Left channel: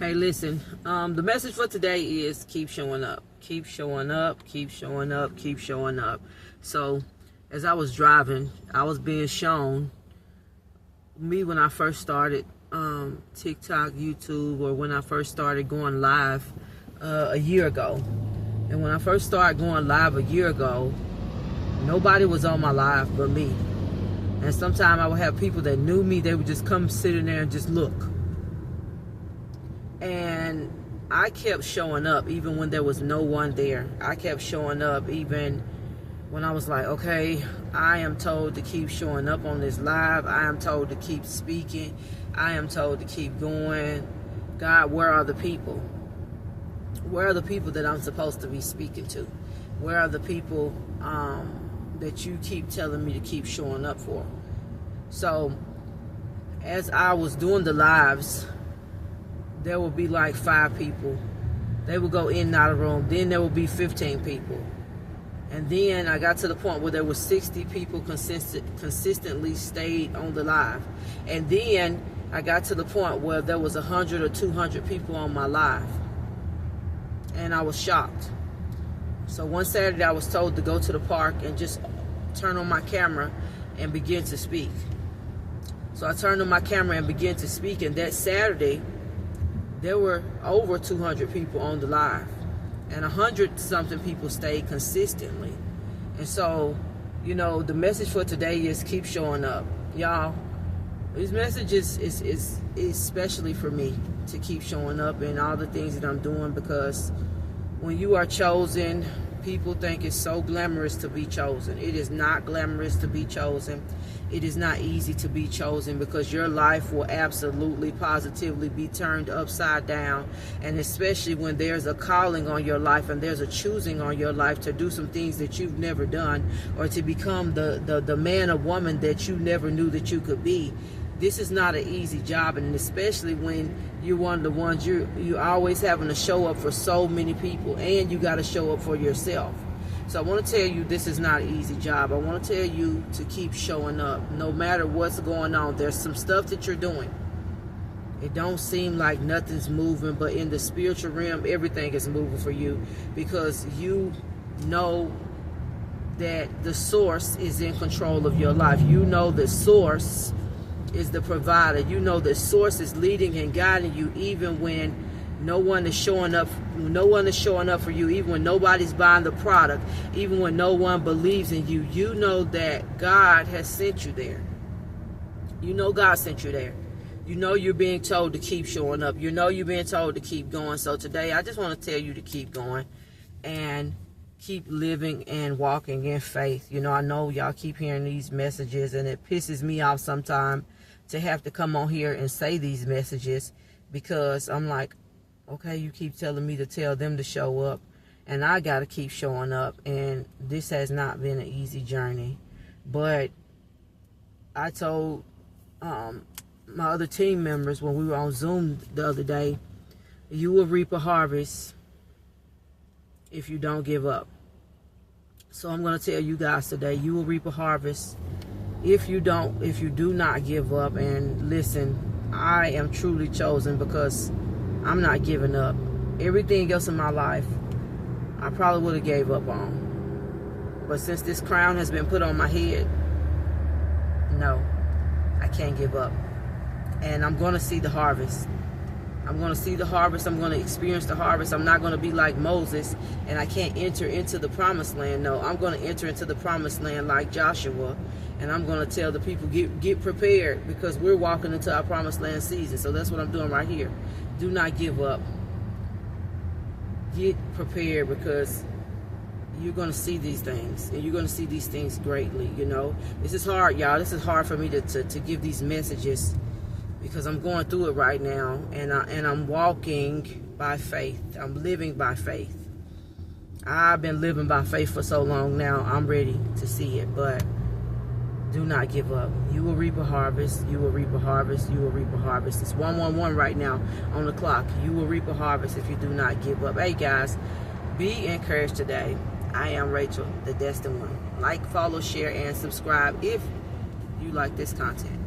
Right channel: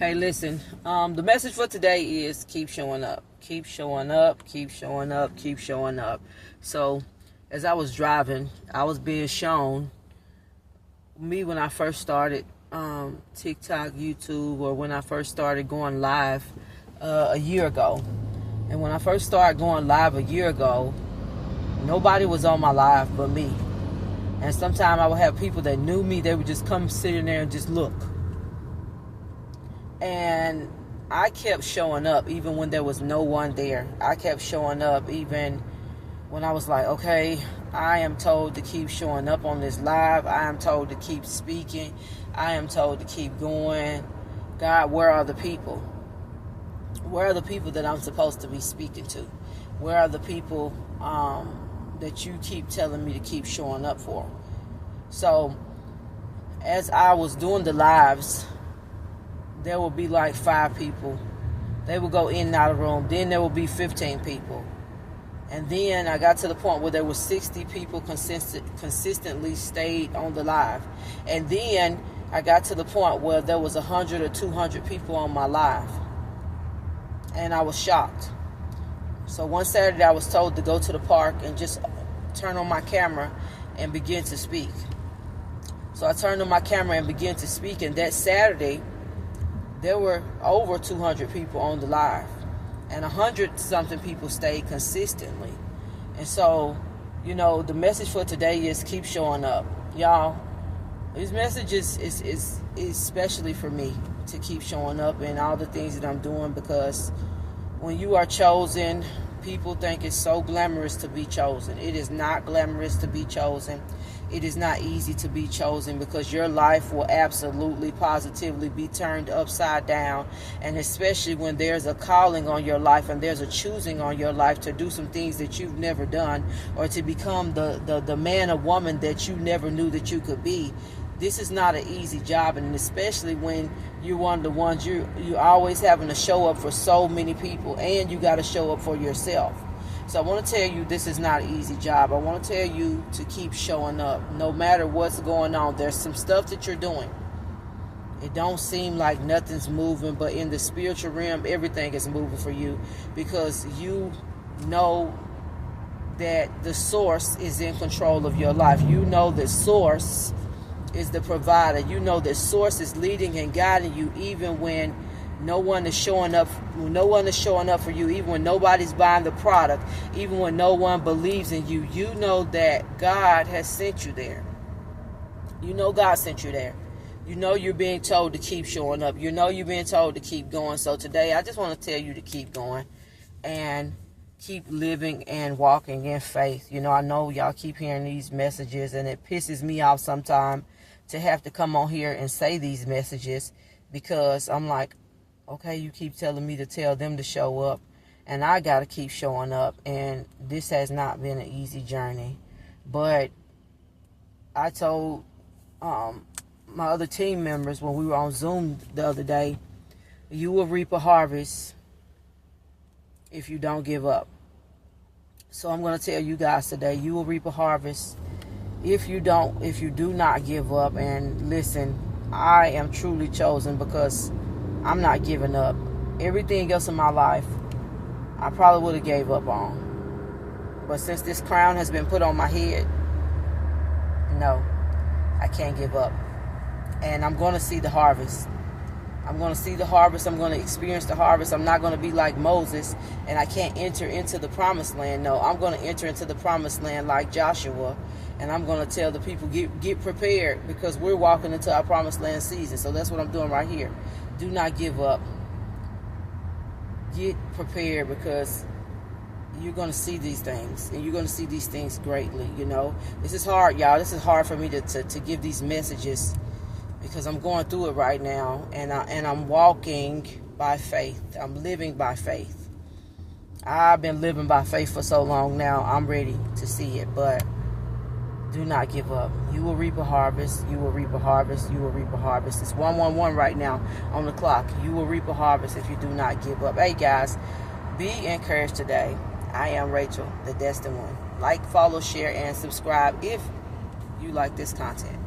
Hey, listen, the message for today is keep showing up. Keep showing up, keep showing up, keep showing up. So, as I was driving, I was being shown me when I first started TikTok, YouTube, or when I first started going live a year ago. And when I first started going live a year ago, nobody was on my live but me. And sometimes I would have people that knew me, they would just come sit in there and just look. And I kept showing up even when there was no one there. I kept showing up even when I was like, okay, I am told to keep showing up on this live. I am told to keep speaking. I am told to keep going. God, where are the people? Where are the people that I'm supposed to be speaking to? Where are the people that you keep telling me to keep showing up for? So as I was doing the lives, there will be like 5 people. They will go in and out of the room. Then there will be 15 people. And then I got to the point where there were 60 people consistently stayed on the live. And then I got to the point where there was 100 or 200 people on my live. And I was shocked. So one Saturday I was told to go to the park and just turn on my camera and begin to speak. So I turned on my camera and began to speak. And that Saturday, there were over 200 people on the live, and 100-something people stayed consistently. And so, you know, the message for today is keep showing up. Y'all, this message is especially for me to keep showing up in all the things that I'm doing, because when you are chosen, people think it's so glamorous to be chosen. It is not glamorous to be chosen. It is not easy to be chosen, because your life will absolutely, positively be turned upside down. And especially when there's a calling on your life and there's a choosing on your life to do some things that you've never done, or to become the man or woman that you never knew that you could be. This is not an easy job, and especially when you're one of the ones you're always having to show up for so many people, and you got to show up for yourself. So I want to tell you, this is not an easy job. I want to tell you to keep showing up. No matter what's going on, there's some stuff that you're doing. It don't seem like nothing's moving, but in the spiritual realm, everything is moving for you, because you know that the source is in control of your life. You know the source is the provider. You know the source is leading and guiding you, even when no one is showing up for you, even when nobody's buying the product, even when no one believes in you. You know that God has sent you there. You know God sent you there. You know you're being told to keep showing up. You know you're being told to keep going. So today I just want to tell you to keep going and keep living and walking in faith. You know, I know y'all keep hearing these messages, and it pisses me off sometimes to have to come on here and say these messages, because I'm like, okay, you keep telling me to tell them to show up, and I got to keep showing up. And this has not been an easy journey. But I told my other team members when we were on Zoom the other day, you will reap a harvest if you don't give up. So I'm going to tell you guys today, you will reap a harvest if you do not give up. And listen, I am truly chosen, because I'm not giving up. Everything else in my life, I probably would have gave up on. But since this crown has been put on my head, no, I can't give up. And I'm going to see the harvest. I'm going to see the harvest. I'm going to experience the harvest. I'm not going to be like Moses, and I can't enter into the promised land. No, I'm going to enter into the promised land like Joshua. And I'm going to tell the people, get prepared, because we're walking into our promised land season. So that's what I'm doing right here. Do not give up. Get prepared, because you're going to see these things, and you're going to see these things greatly. You know, this is hard, y'all. This is hard for me to give these messages, because I'm going through it right now, and I'm walking by faith. I'm living by faith. I've been living by faith for so long now. I'm ready to see it, but do not give up. You will reap a harvest. You will reap a harvest. You will reap a harvest. It's 111 right now on the clock. You will reap a harvest if you do not give up. Hey guys, be encouraged today. I am Rachel, the Destined One. Like, follow, share, and subscribe if you like this content.